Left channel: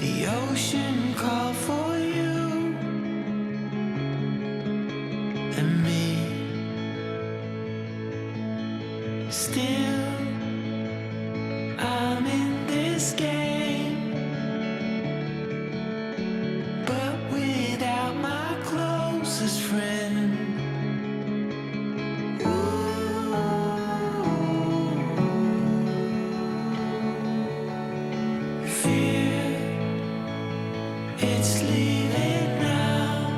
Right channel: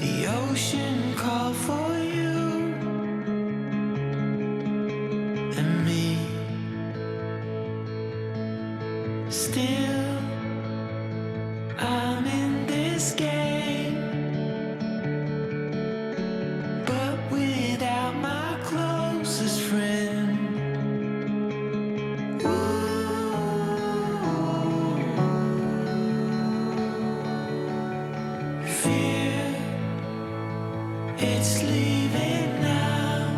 The ocean called for you and me. Still, I'm in this game, but without my closest friend. Fear, it's leaving now.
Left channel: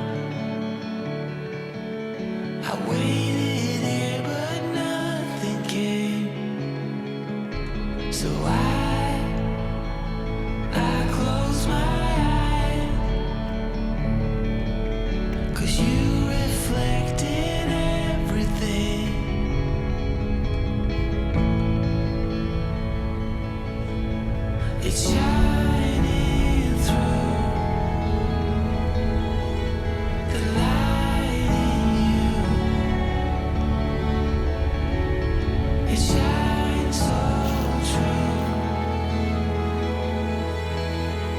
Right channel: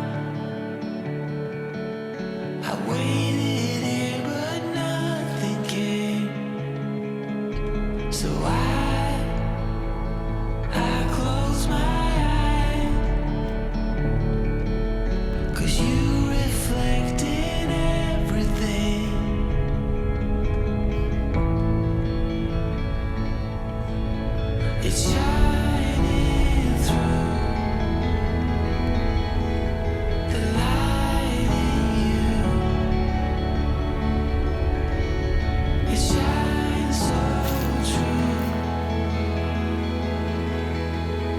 I waited here, but nothing came. So I close my eyes, 'cause you reflect in everything. It's shining through the light in you. It shines so true.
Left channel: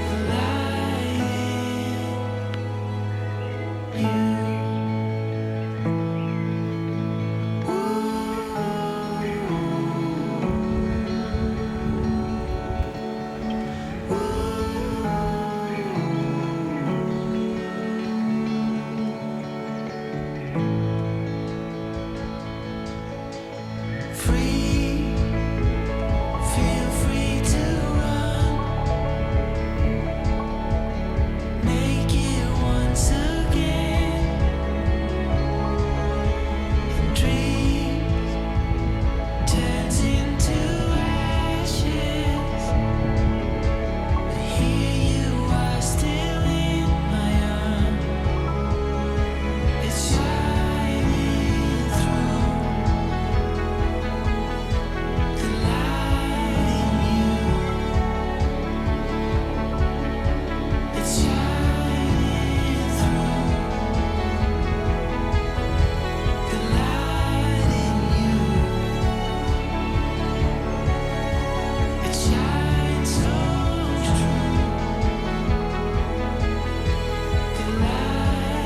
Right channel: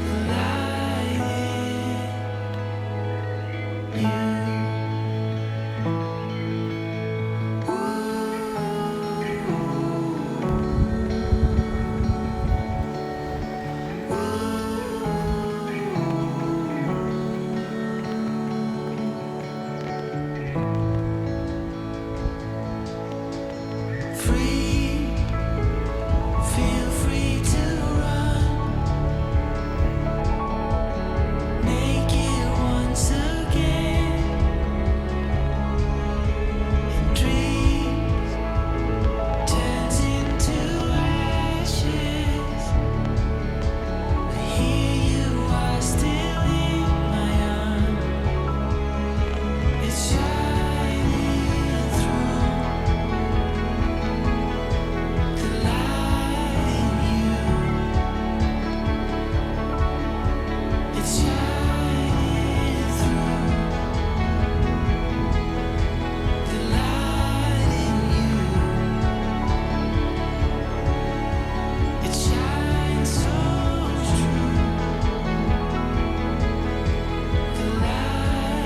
The light in you. Free, feel free to run, naked once again, and dreams turns into ashes, but here you are still in my arms. It's shining through the light in you. It's shining through the light in you. It shines so true. The light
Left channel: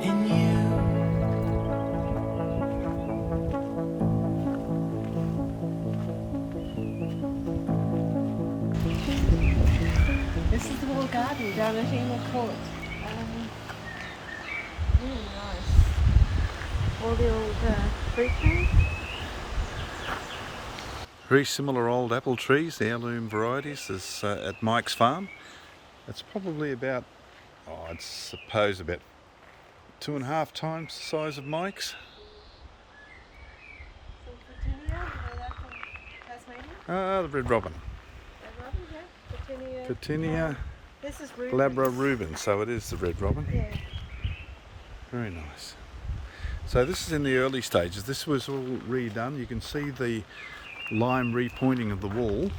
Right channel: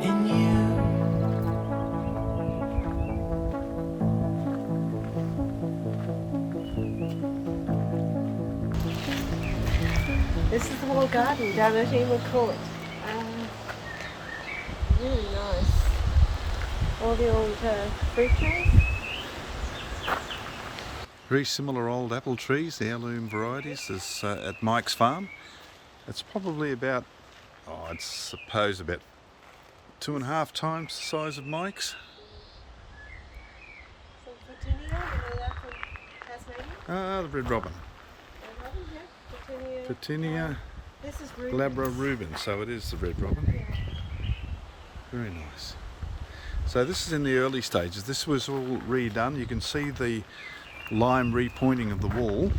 in you. This is the whole garden down at Emo Court. Really nice. All the old fruit trees. Very similar old apple trees, the heirloom varieties, as at Mike's farm. It's probably about, I'd suppose about 2.5 times the size of Mike's. Some Petunia, you know that from Tasmania? The red robin. Red robin, yeah. Petunia. Petunia This is ruby. glabra rubens, so it is the red robin. Yeah. Very nice. So this is in the early stages. This was all redone. You can see the lime repointing of the wall,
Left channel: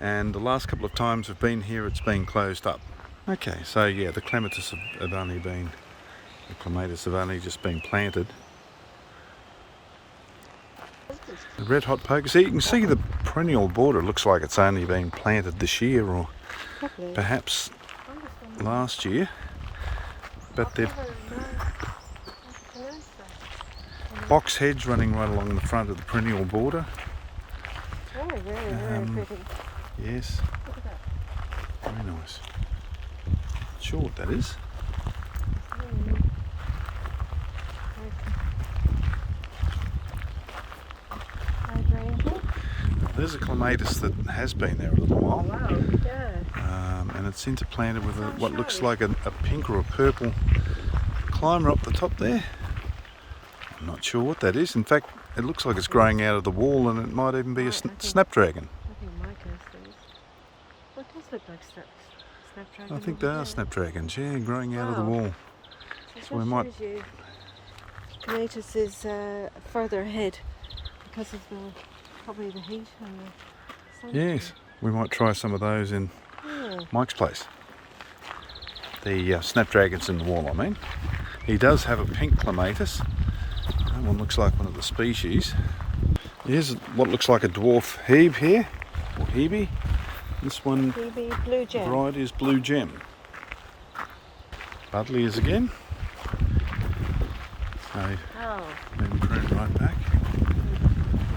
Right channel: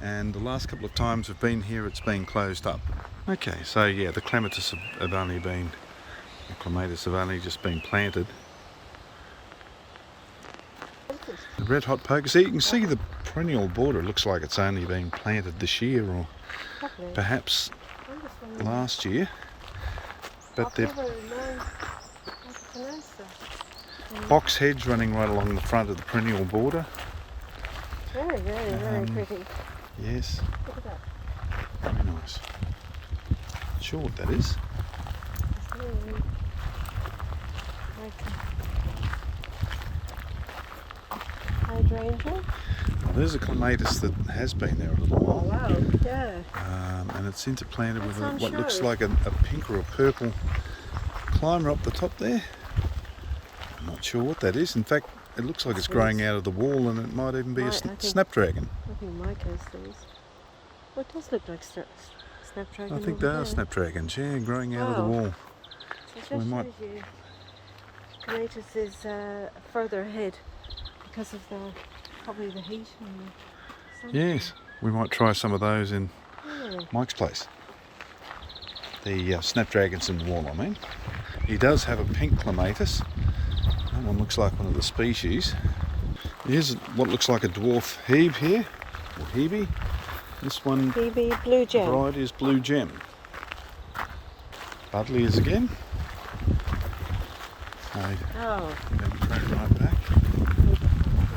and the last couple of times I've been here it's been closed up. Okay, so yeah, the clematis have only been, or clematis have only just been planted. The red hot poker, see, you can see the perennial border looks like it's only been planted this year or Lovely. perhaps I'm just wondering last year, but they've how to pronounce that. box hedge running right along the front of the perennial border. Very, very pretty. Yes, Look at that. very nice. Not sure what that is. Very hydrangea. Well, there's a clematis that has been there a little while, Wow, yeah. and it's interplanted with It's on what looks show. like a pink or a purple climber up the top there. I'm not sure what that is. In fact, it looks like it's growing out of the wall, and it might even be a Right, I think- snapdragon. I think Mike has those. Well, it does look like snapdragon. I think over they are there. snapdragons, yeah, growing out of the Wow. wall. So we that might- shows you Cottage is further ahead because of probably the heat and the sun. Yes, we might try some of those in Yeah. Mike's place. The snapdragons in the wall, I mean. He does have a pink clematis. That one looks like one of the species. Here's what looks like a dwarf hebe here, or hebe. This one PB Blue Gem. variety is Blue Gem. Budleias again. They've Oh, been pruned right back.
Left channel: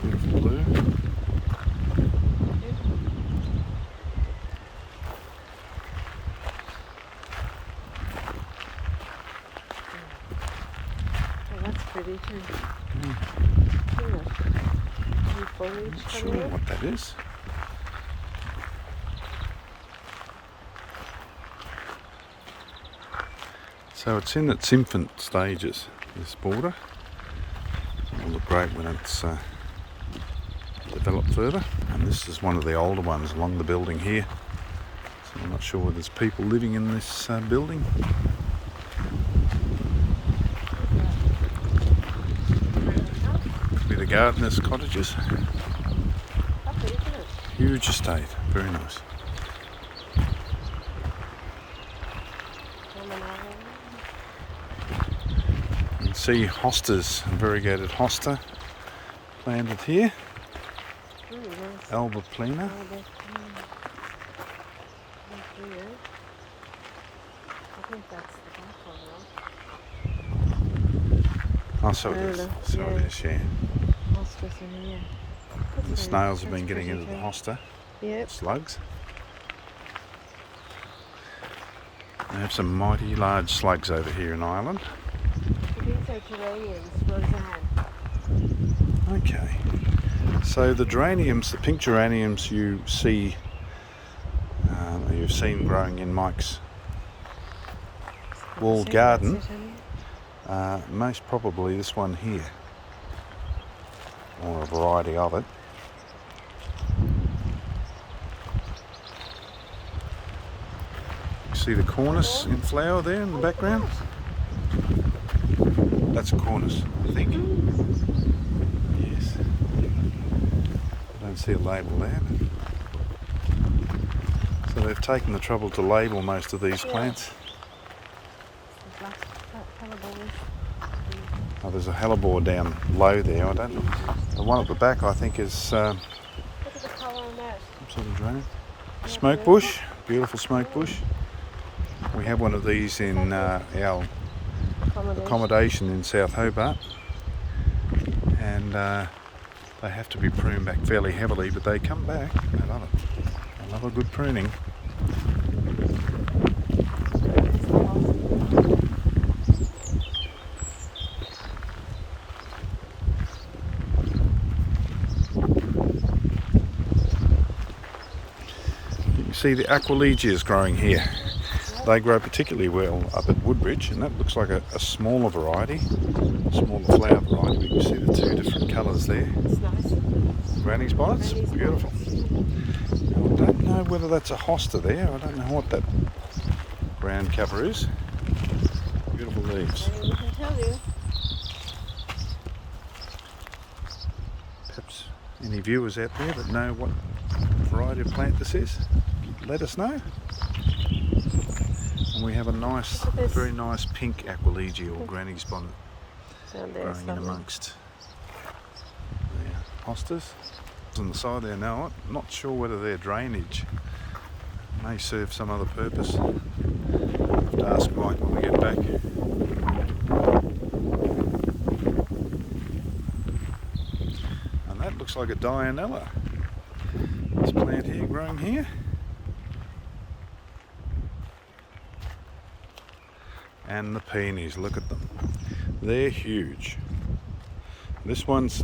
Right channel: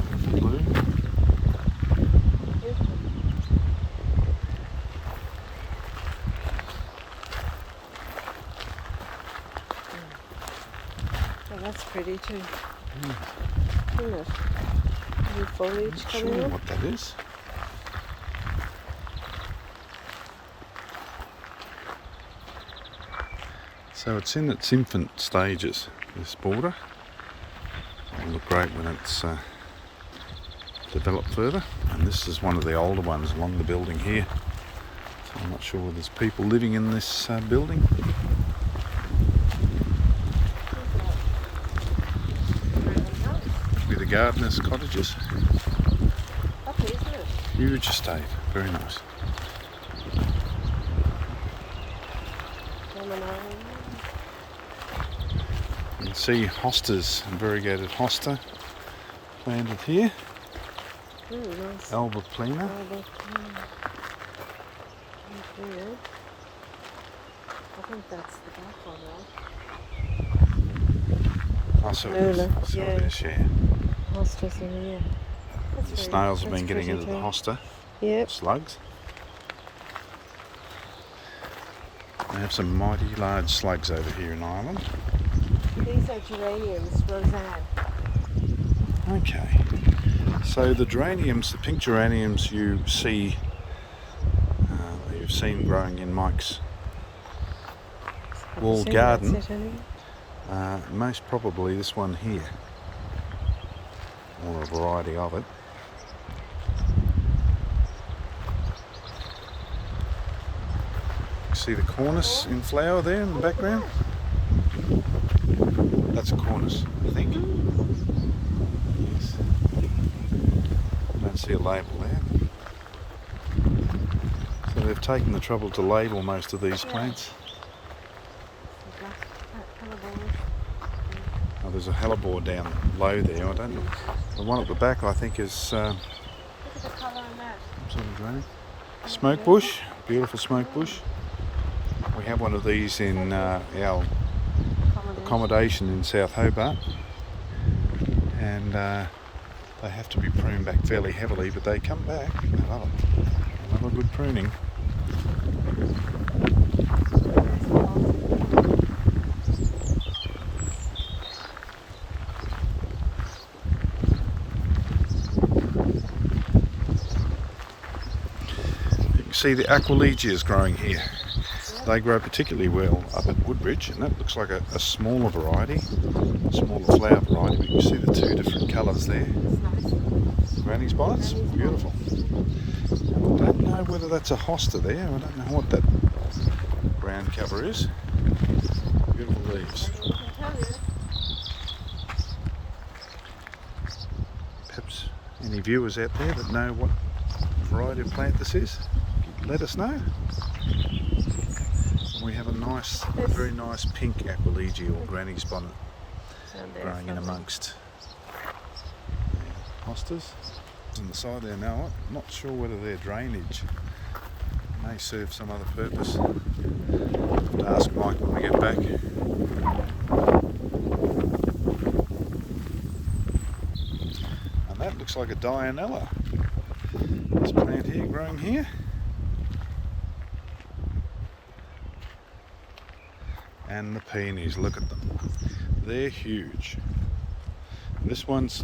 Beautiful blue. beautiful. Oh, that's pretty too. Yeah. Isn't it? New foliage Not coming sure in. what that is. So it's in its infant stages, this border. It'll look great when it's developed further. And this is one of the older ones along the building here. So I'm not sure whether there's people living in this building. Be the gardeners' cottages. Lovely, isn't it? Huge estate, very nice. You can see hostas, variegated hosta planted here. Very nice. Alba plena. I think that's the black one, right? Oh, so it is. Lola, So it yeah. is, yeah. Monsters in here. The snails have been getting into the hosta, Yep. slugs. They have some mighty large slugs over here in Ireland. These are geraniums, Roseanne. Okay. So the geraniums, the pink geraniums you see, you've seen growing in Mike's walled garden, most probably this one here, or a variety of it. See the cornice in flower there in the background? That's a cornice, I think. Yes. I don't see a label there. So they've taken the trouble to label most of these plants. Oh, there's a hellebore down low there. I don't know. The one at the back, I think, is Look at the colour in that. some sort of geranium. Smoke bush, beautiful smoke bush. We have one of these in our accommodation in South Hobart, and they have to be pruned back fairly heavily, but they come back. They love it. They love a good pruning. You can see the Aquilegias growing here. They grow particularly well up at Woodbridge, and that looks like a smaller variety, a smaller flower variety, but you can see the two different colours there. It's nice. Granny's bonnets, Granny's beautiful. And I don't know whether that's a hosta there, I don't know what that ground cover is. Beautiful leaves. I can tell you. Perhaps any viewers out there that know what variety of plant this is, let us know. And we have a nice, very nice pink Aquilegia or Granny's bonnet And there's growing in one. amongst the hostas. On the side there now, I'm not sure whether they're drainage. May serve some other purpose. I'll have to ask Mike when we get back. And that looks like a Dianella. This plant here growing here. And the peonies, look at them. They're huge. This one's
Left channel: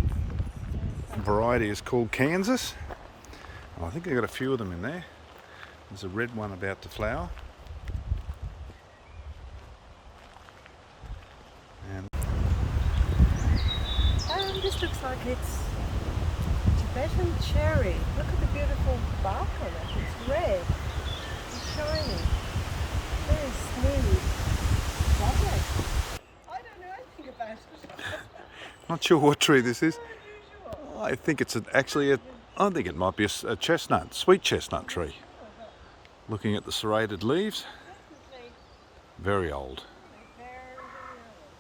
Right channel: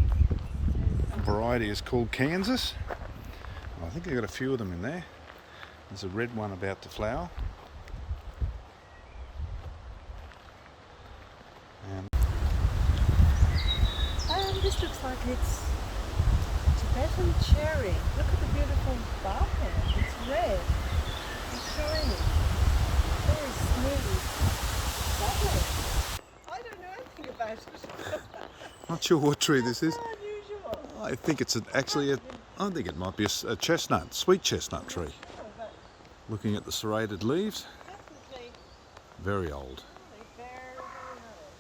variety is called Kansas. I think they've got a few of them in there. There's a red one about to flower. And This looks like it's Tibetan cherry. Look at the beautiful bark on it. It's red. It's shiny. me. Lovely. I don't know anything about it. Not sure what tree this is. So unusual. I think it's actually I think it might be a chestnut, sweet chestnut tree. Oh, but Looking at the serrated leaves, definitely very old. very, very old.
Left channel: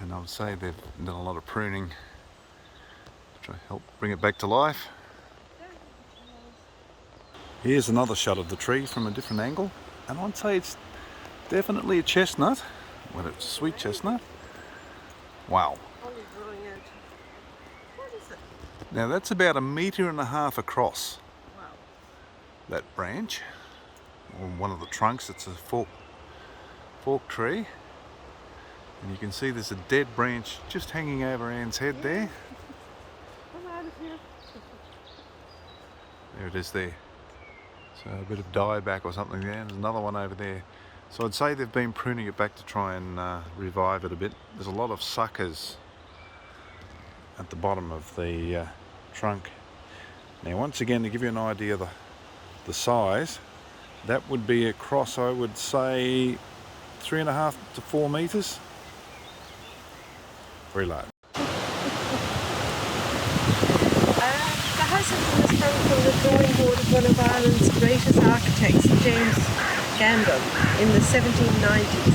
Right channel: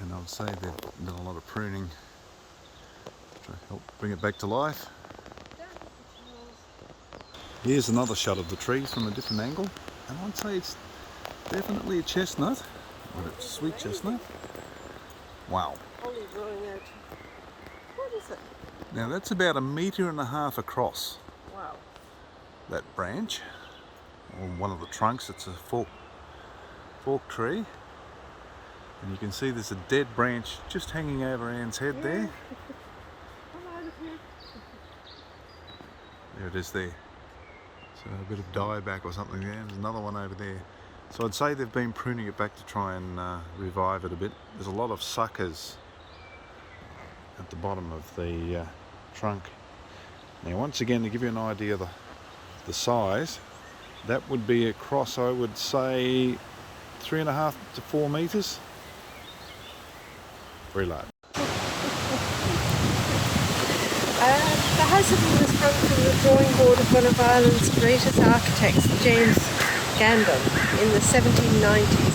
And I would say they've done a lot of pruning to help bring it back to life. Here's another shot of the tree from a different angle, and I'd say it's definitely a chestnut, whether it's a sweet chestnut. Wow. Only growing out. What is it? Now that's about 1.5 meters across, Wow. that branch, or one of the trunks. It's a fork tree, and you can see there's a dead branch just hanging over Anne's head there. Come out of here. There it is there. So a bit of dieback or something there. There's another one over there. So I'd say they've been pruning it back to try and revive it a bit. There's a lot of suckers at the bottom of the trunk. Now once again, to give you an idea of the size, that would be across, I would say, 3.5 to 4 meters. Very large. The House of Emo was sprung from the drawing board of one of Ireland's greatest architects, James Gandon, in the 1790s.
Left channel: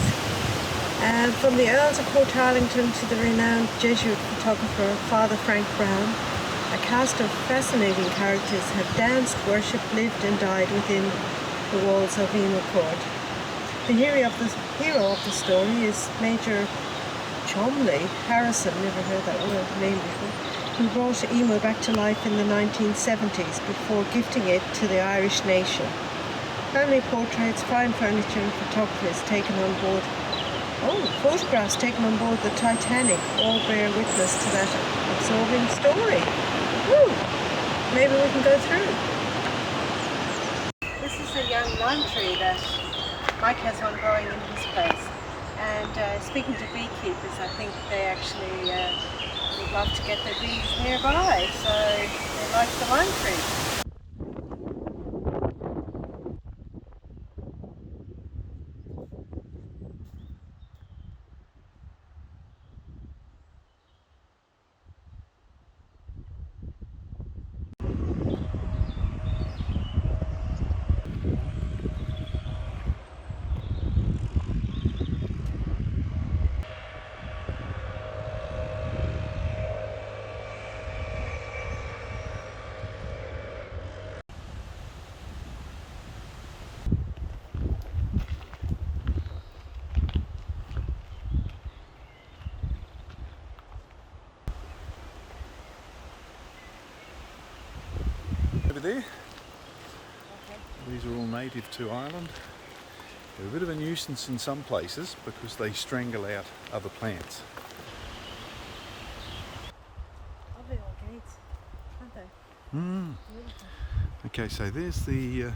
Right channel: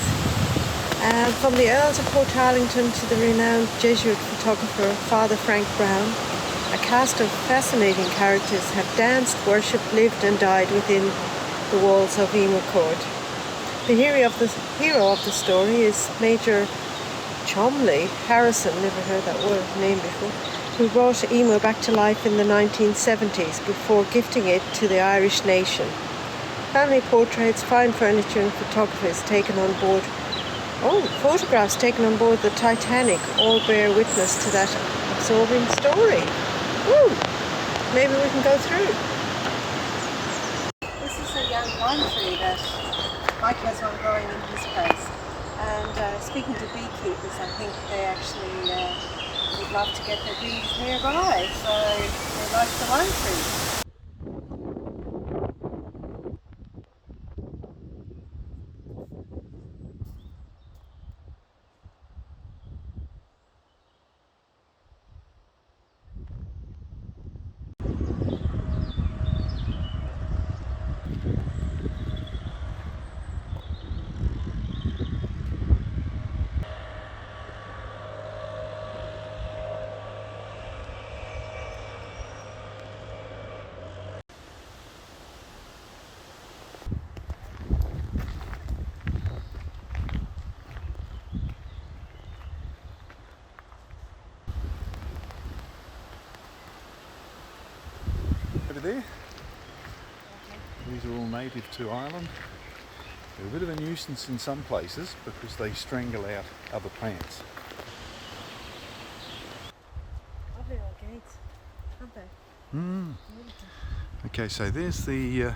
From the Earls of Portarlington to the renowned Jesuit photographer Father Frank Brown, a cast of fascinating characters have danced, worshipped, lived and died within the walls of Emo Court. The hero of the story is Major Cholmondeley Harrison, never heard that name before, who brought Emo back to life in the 1970s before gifting it to the Irish nation. Family portraits, fine furniture and photographs taken on board the Titanic all bear witness to that absorbing story. Woo! Maybe we can go through. This is a young lime tree that Mike has one growing in his place. And speaking to beekeepers, I think they actually would love to get their bees nearby, so they like the lime tree. Over there. These are all native to Ireland. They're a bit of a nuisance in some places because they strangle out other plants. Lovely old gates, aren't they? Beautiful. Okay, so there's the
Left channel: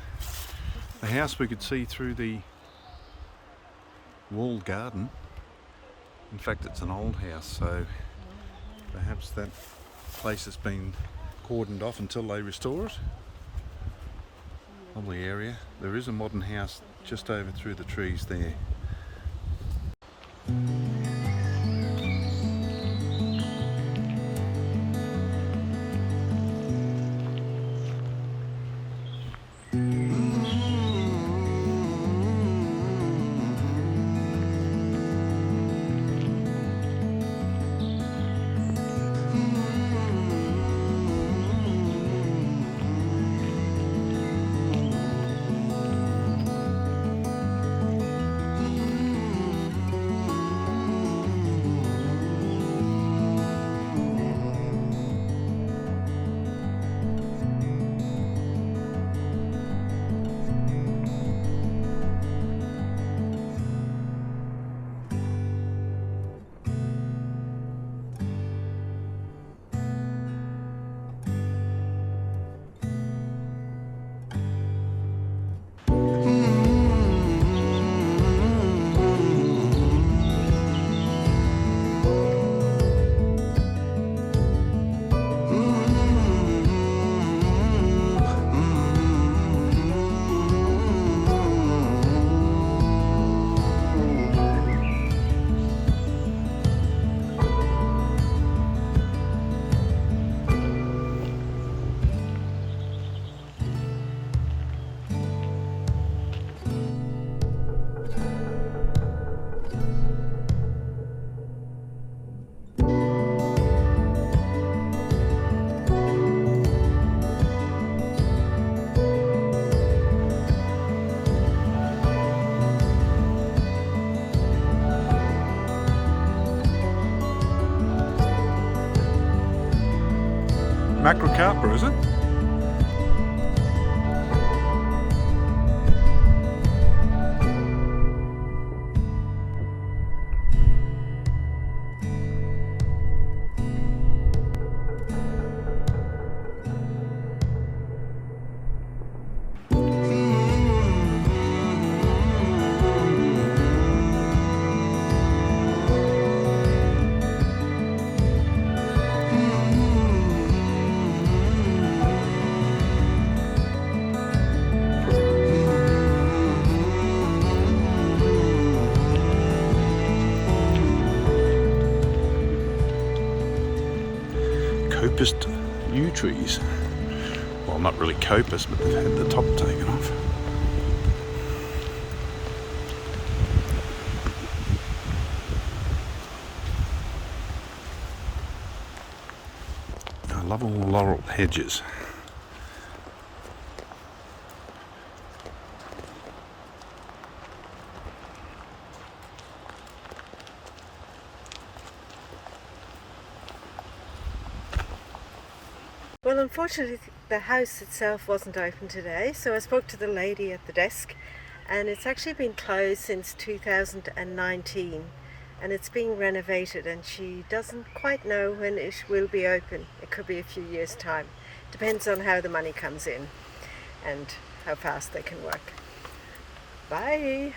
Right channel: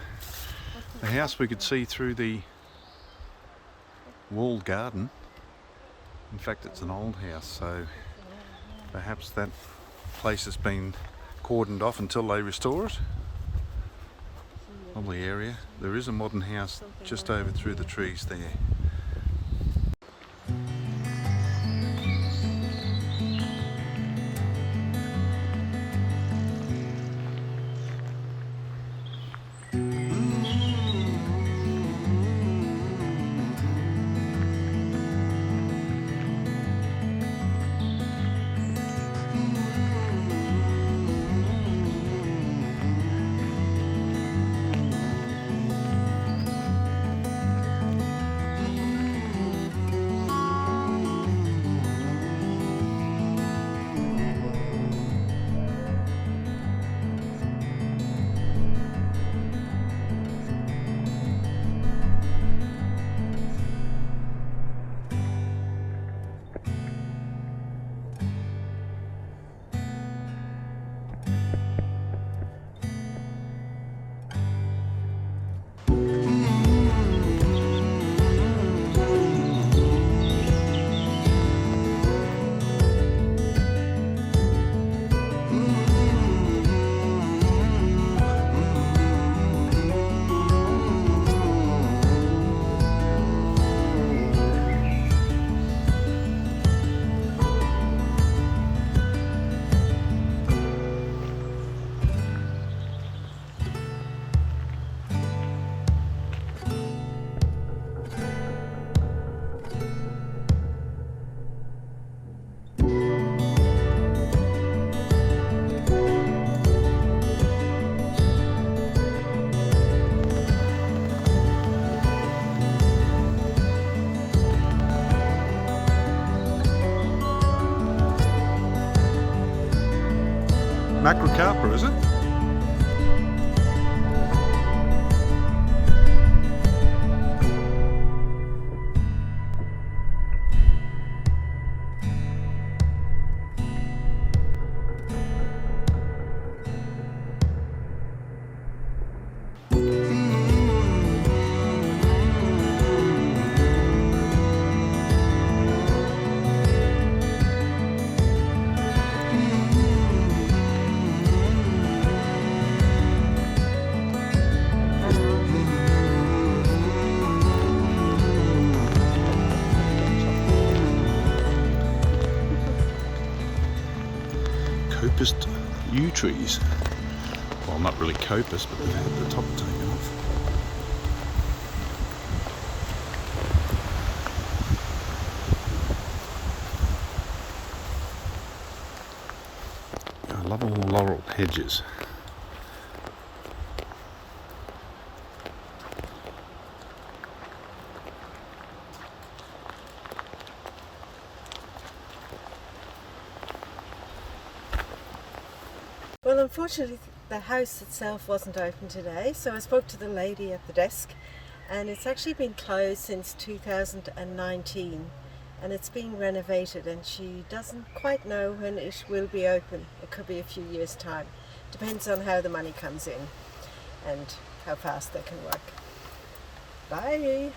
house we could see through the walled garden. In fact, it's an old house, so perhaps that place has been cordoned off until they restore it. Lovely area. There is a modern house just over through the trees there. Macrocarpa, is it? Copiced yew trees. Well, not really coppice, but they've had the top taken off. I love all the laurel hedges. Well, unfortunately, the house itself wasn't open today, so I spoke to the lady at the desk, and it's actually been closed since 2019, and it's being renovated, and she doesn't quite know when it will be open. It could be a few years' time. Depends on how the money comes in and how fast they can work. Bye.